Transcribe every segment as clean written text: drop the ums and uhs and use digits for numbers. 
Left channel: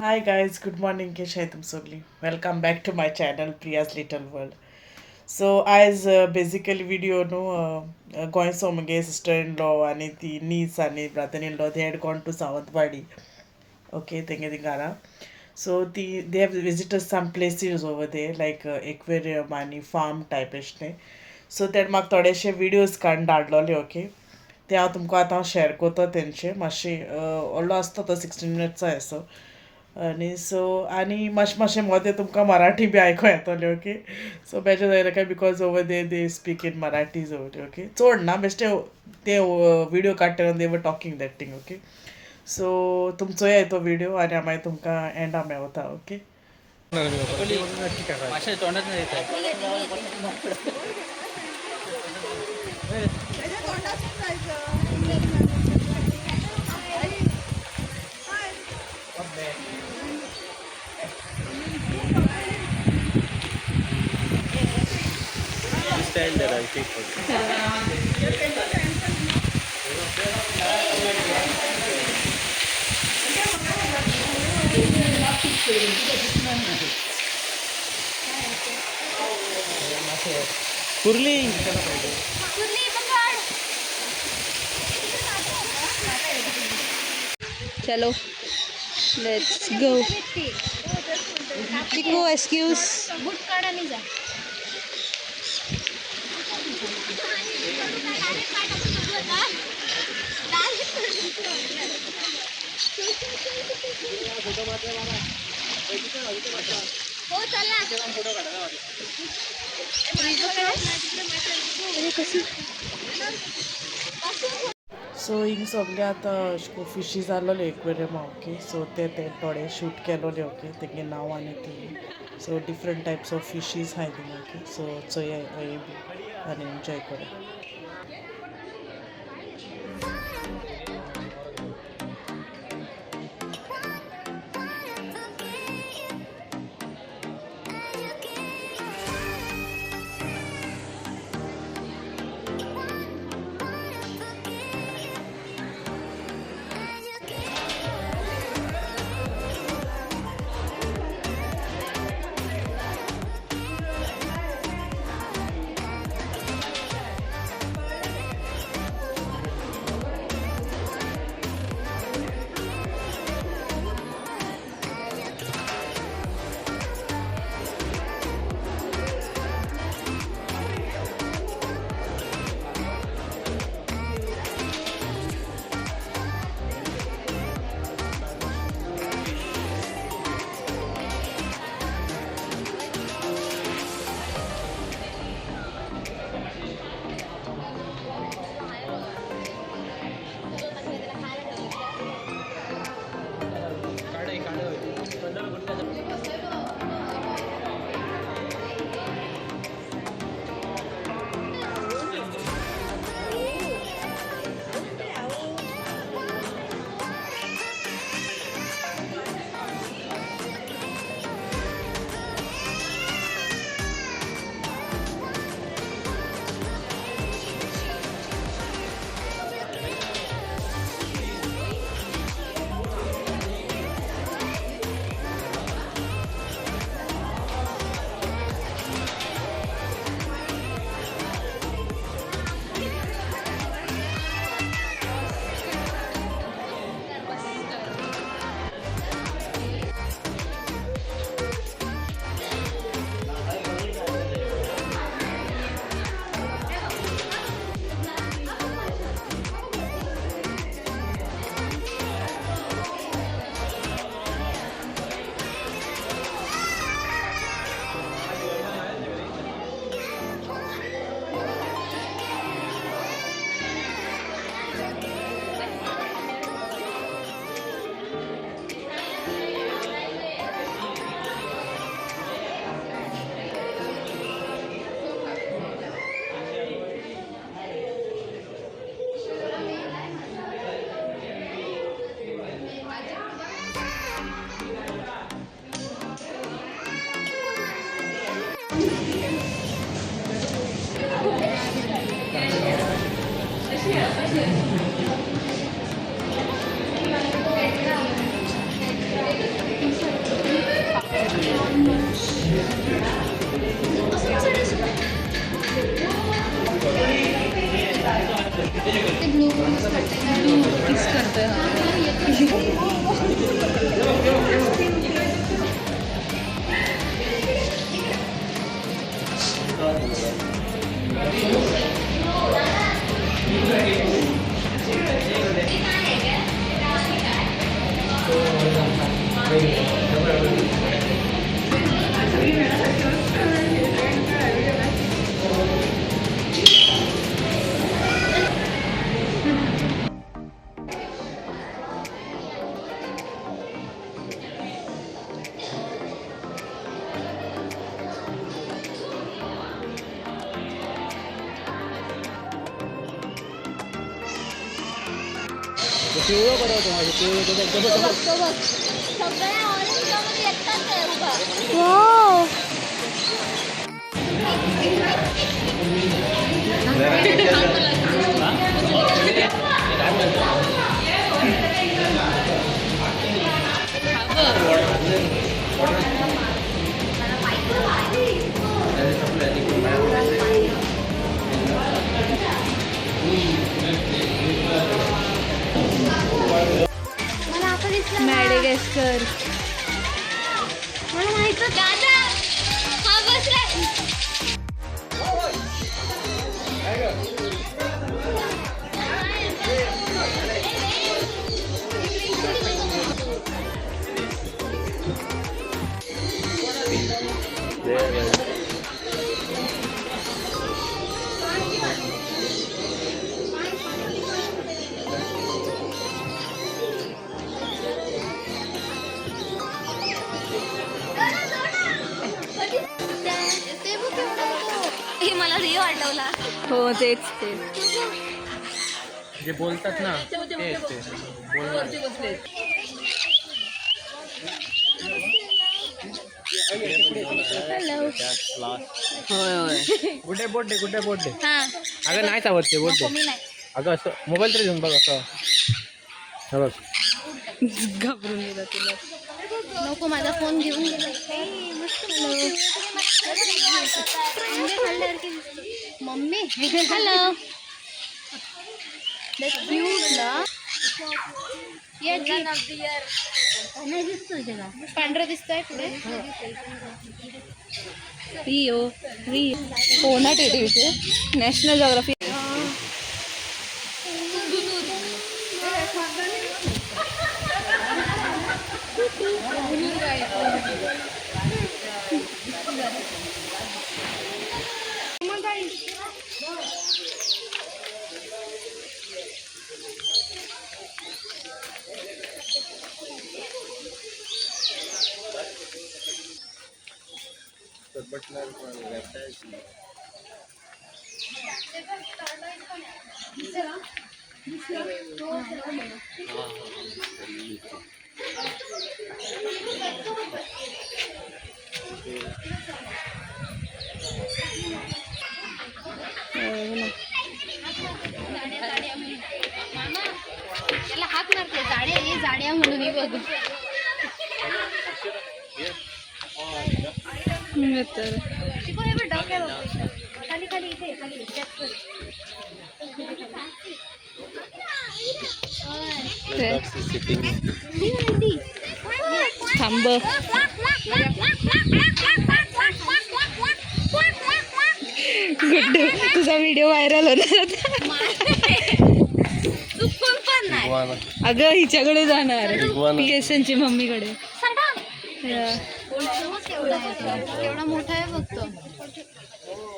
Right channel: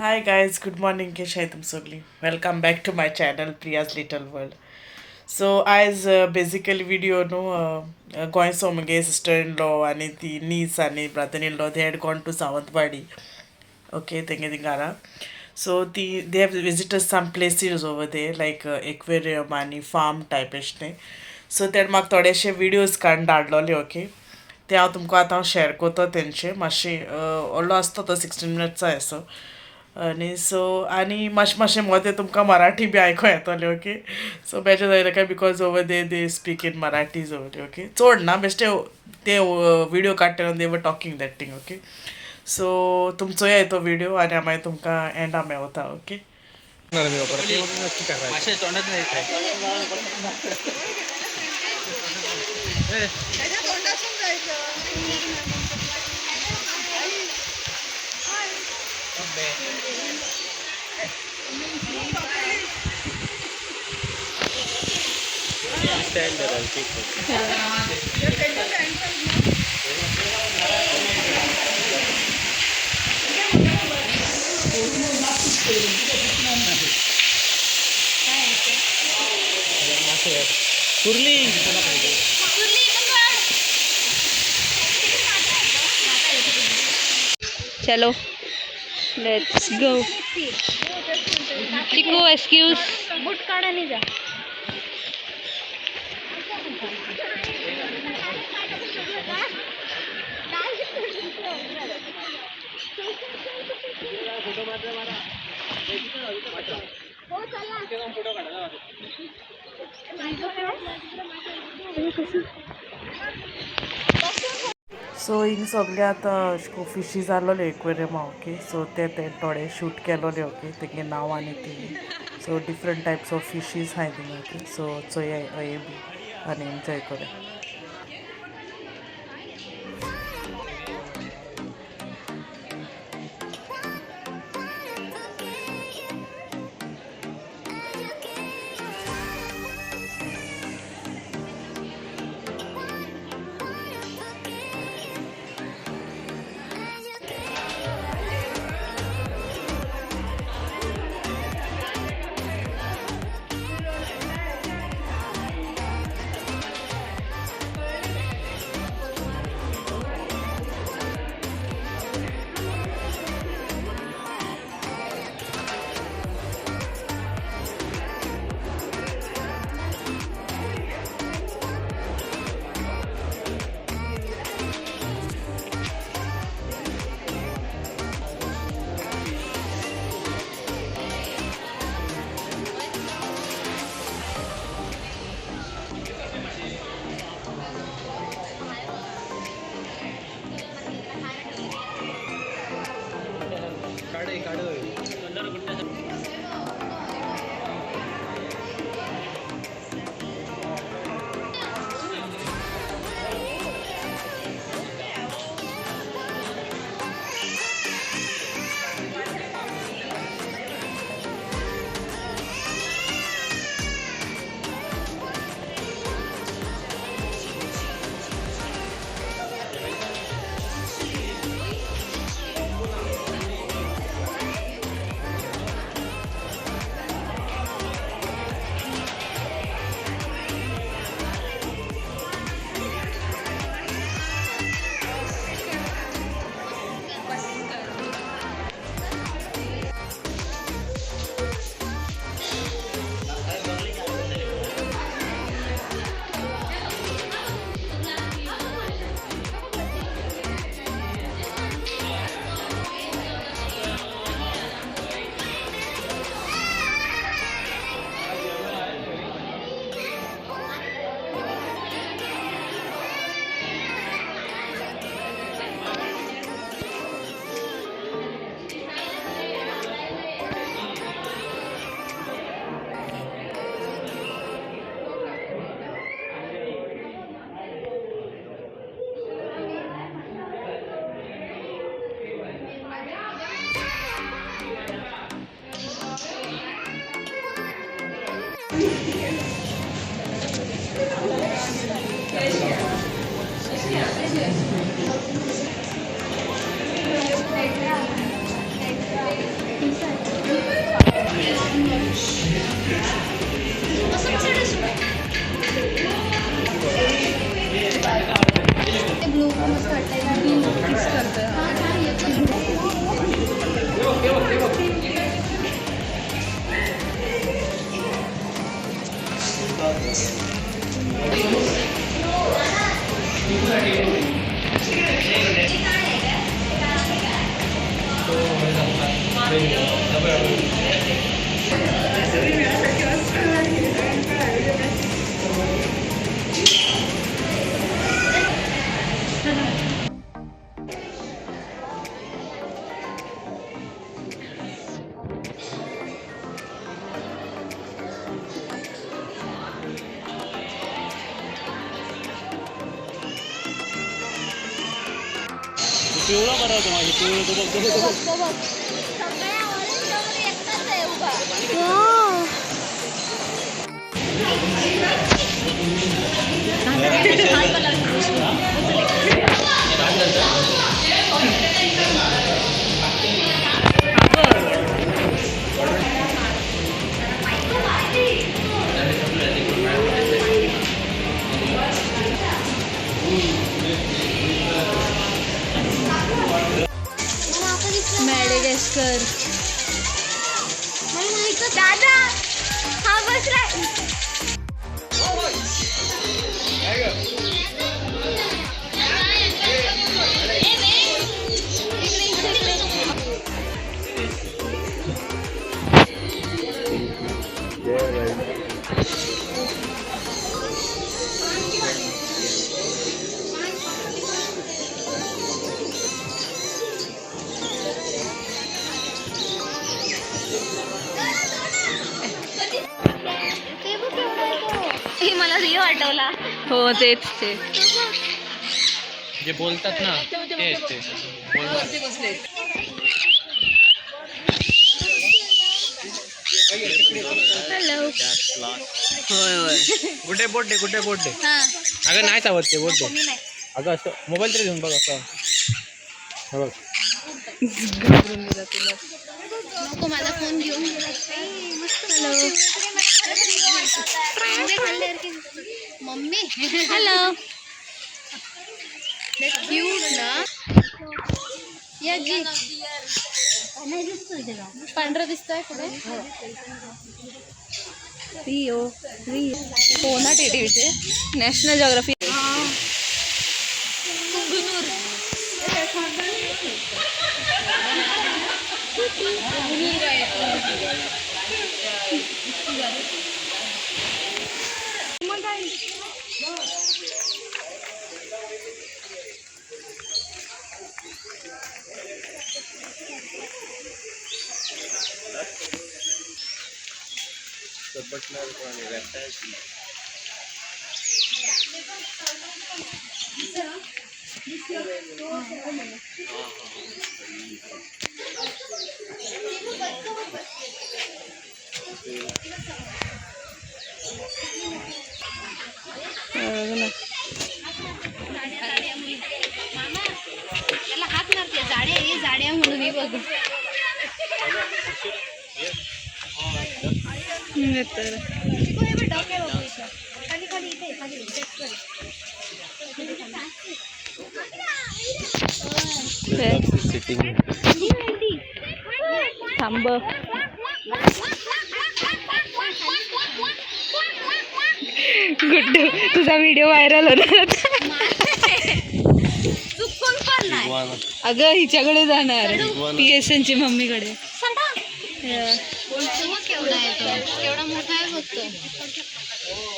Hi guys, good morning. कशे आहे तुम सगळी? Welcome back to my channel Priya's little world. So आयज बेसिकली व्हिडिओ न्हू गोंयचो मुगे सिस्टर इन लॉ आनी ती नीस आनी brother in law they had gone to Sawantwadi. Okay तेंगे थिंगारा. सो ती they have visited some places over there like aquarium आनी फार्म टायप एशें तें. सो तेणे म्हाका थोडेशे विडियोज काडून धाडलोले. ओके ते हांव तुमकां आतां शेअर कोतो तेंचे मातशें व्हडलो आसता तो 16 मिनट्सचो असो. आनी मातशें मोदें तुमकां मराठी बी आयको येतोलें. ओके सो बेजार जायना काय because over they speak in मराठीज ओवर. ओके चोड ना बेश्टे ते विडियो काडटा they were talking that thing. Okay so तुमी चोया तो विडियो आनी हांव मागीर तुमकां एंडा मेवता. ओके कुर्ली चलो लेट्स गो. चिकू एक्सक्यूज. सो हिंग सगळे आतां अशें को फिशीज आहलोले एक्वेरियमा. ओके सो ते थोडे शूट केलोले. ओके तेगे नांव आनी ती so different types of fishes आहाय थिंगा. ओके सो चोया हे बी आनी एन्जॉय कोया. मॅडेगास्कर. दादा हा बसला. मला रिओ आठवला. हो तेच ते. जे बोलतात ना ते बोलणार. हॅलो. होय होय. कुठे बोट दे. अगं नाही चावत ते बोट दे. अगं असं मोबाईल तरी घेऊन बघ असं. बघ घाबरून गेला तुला. नको माझा फोन घेऊन. Mummy hello. क्यूट ना. या जी पांढरा दिसतोय पुढे. रिओ हो ना टीव्हीचे नॅशनल जॉग्राफी. याला हात मारते. जाड्या म्हणून मी बघ. तर थांब. गुड्डू तुझा व्हिडिओ व्हायरल होणार. अगं हिच्याकडे जाणार PSN ची मम्मीकडे.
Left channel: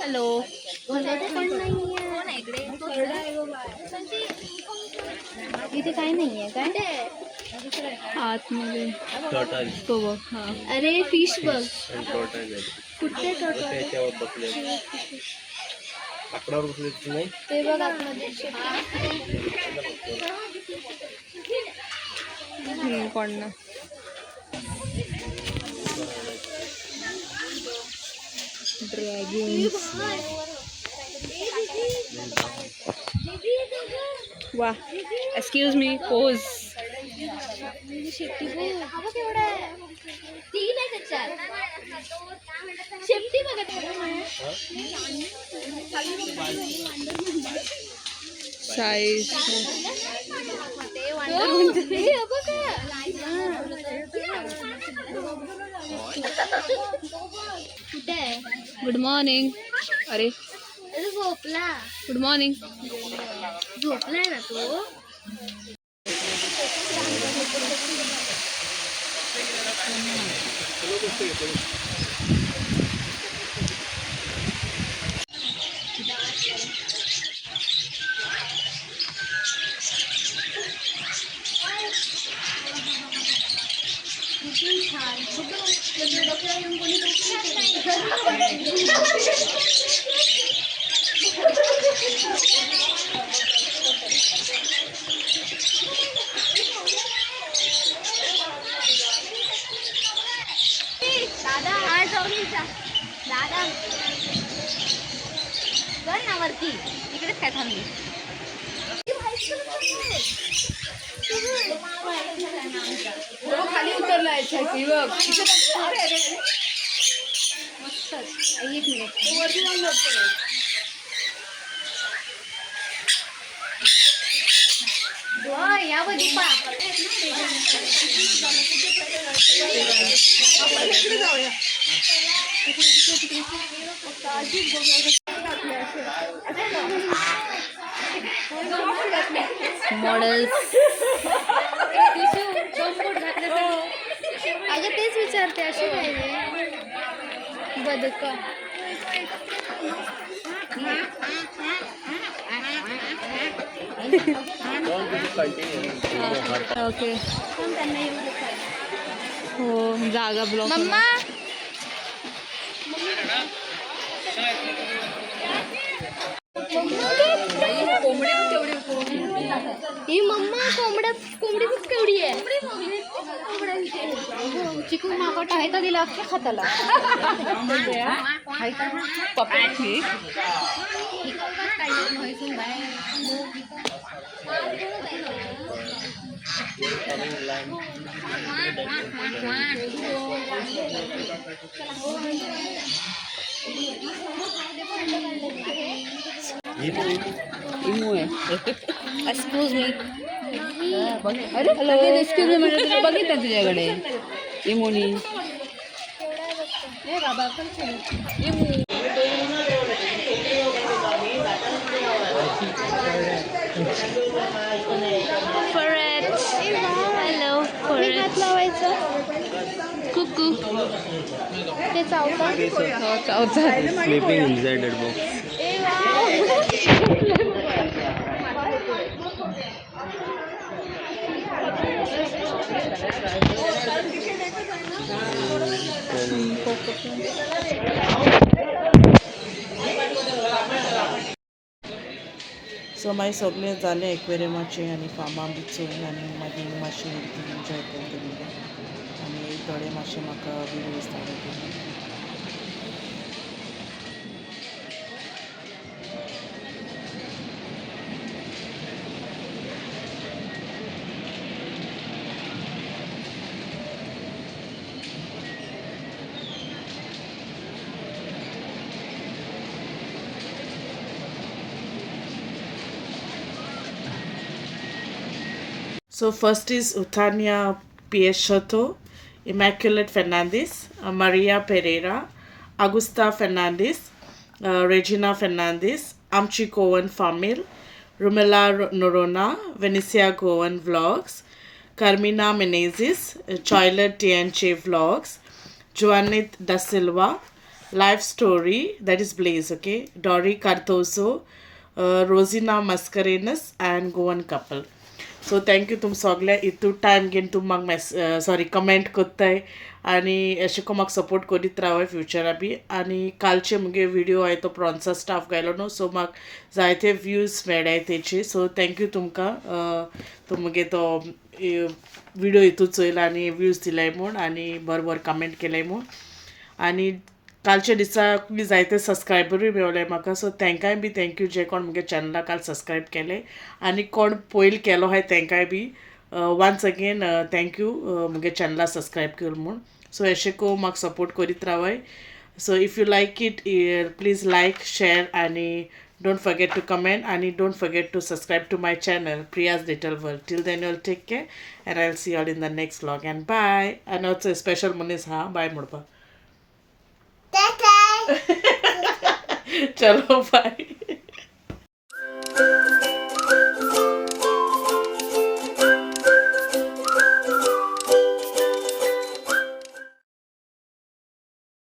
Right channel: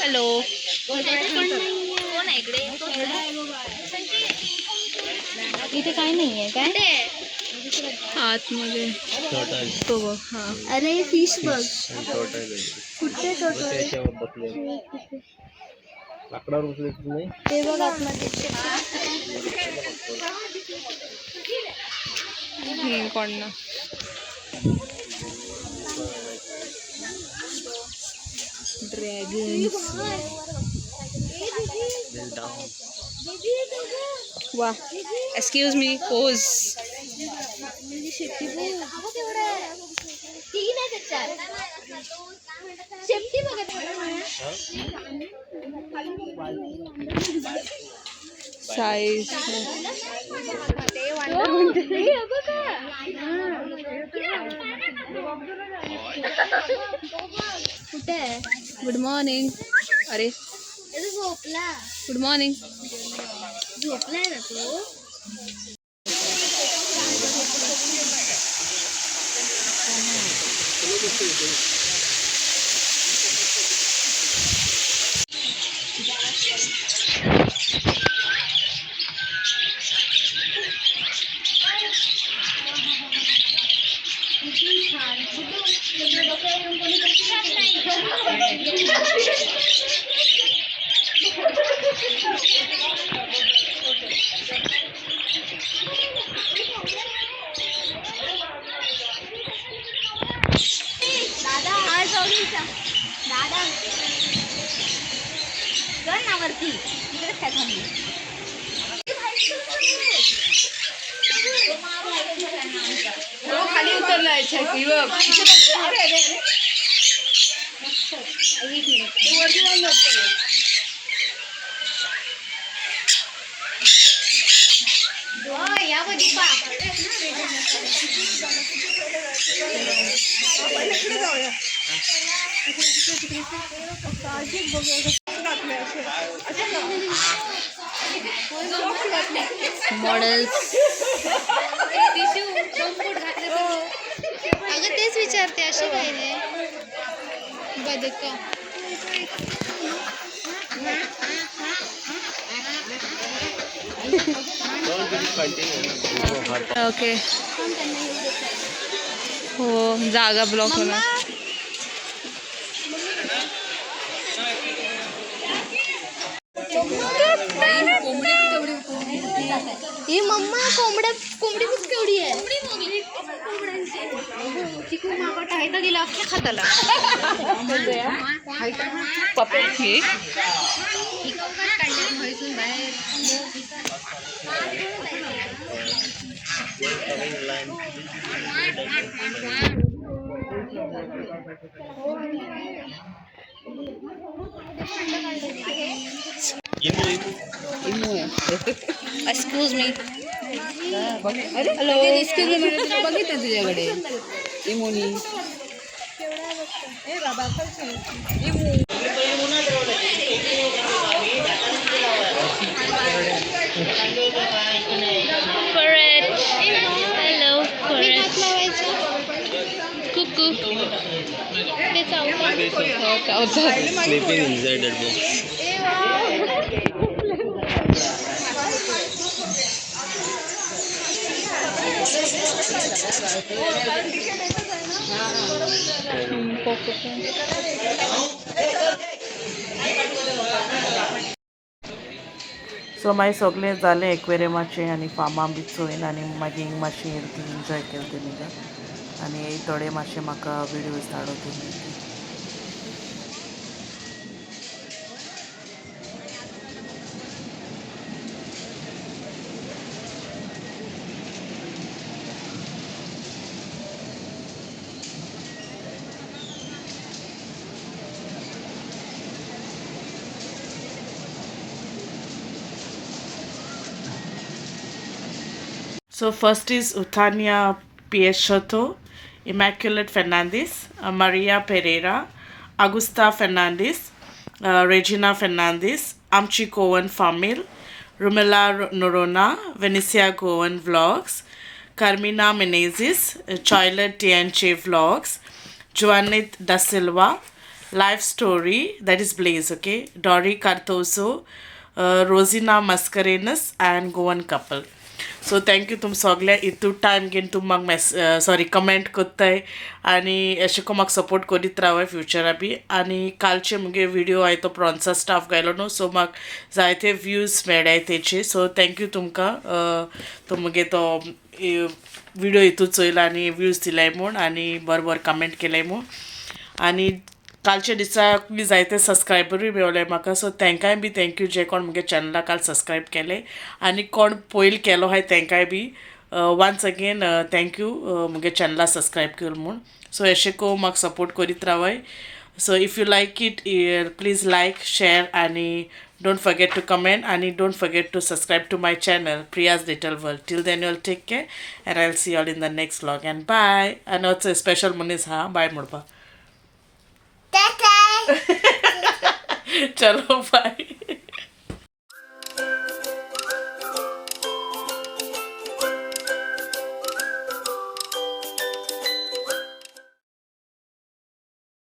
हॅलो. इथे काही नाहीये काय आतमध्ये तो बघ. हा अरे फिश बघ. कुठे लाकडावर बसले नाही. ते बघ कोण ना. ड्रॅगन्स. वा. Excuse me pose. शेपटी बघत साईज. Good morning. अरे झोपला गुड मॉर्निंग. झोपलाय ना तो. दादा आज दादा चल ना वरती इकडेच काय थांबली. खाली उतरलाय छकी बघ. यामध्ये मॉडेल्स. अगं तेच विचारते अशी काय रे बदक. ओके. हो जागा ब्लॉक होणार. ही मम्मा कोंबडी खूप केवढी आहे. चिकू मागट आहे तर दिला अख्ख्या खाताला. Excuse me. Hello. Excuse me म्हणजे बघितलं तुझ्याकडे इमोनी. Correct. Hello. Correct. Cuckoo. ते चावतात. Sleeping inside that box. So मागीर सगळे जालें एक्वेरियमाचें आनी फार्मा बी चोयन आनी मागीर मातशें एन्जॉय केलें तेमी आनी थोडे मातशे म्हाका विडियोज धाडो केली. So first is Utania Piechoto, Immaculate Fernandez, Maria Pereira, Augusta Fernandez, Regina Fernandez, Amchi Goan Famil, Rumela Norona, Venecia Goan Vlogs, Carmina Menezes, Choilet TNC Vlogs, Joanit Da Silva, Life Story, that is Blaze, okay, Dori Cardoso, Rosina Mascarenas, and Goan Couple. So thank you तुम सगळे इतू time घेवन तुम म्हाका comment कोत्ताय आनी अशें को म्हाका सपोर्ट करीत रावय फ्युचरा बी. आनी कालचे मुगे विडियो हांवें तो प्रॉन्सा स्टाफ घायलो न्हू, सो म्हाका जायते व्यूज मेळ्ळाय तेचे. सो थँक्यू तुमकां तो मुगे तो विडियो हितू चोयला आनी व्यूज दिलाय म्हूण आनी बरोबर कमेंट केलाय म्हूण. आनी कालच्या दिसाक बी जायते सबस्क्रायबरूय मेवले म्हाका, सो तांकांय बी थँक्यू जे कोण मुगे चॅनला काल सबस्क्रायब केले आनी कोण पयलीं केलो हाय तांकांय बी वन्स अगेन थँक्यू मुगे चॅनला सबस्क्रायब केल म्हूण. सो अशें को म्हाका सपोर्ट करीत रावय. So if you like it please like share आनी डोंट फॉरगेट टू कमेंट आनी don't forget to subscribe to my channel Priya's little world. Till then you will take care and I will see all in the next vlog and bye. आनी होच special मनीस हा bye म्हणपाक. चलो bye.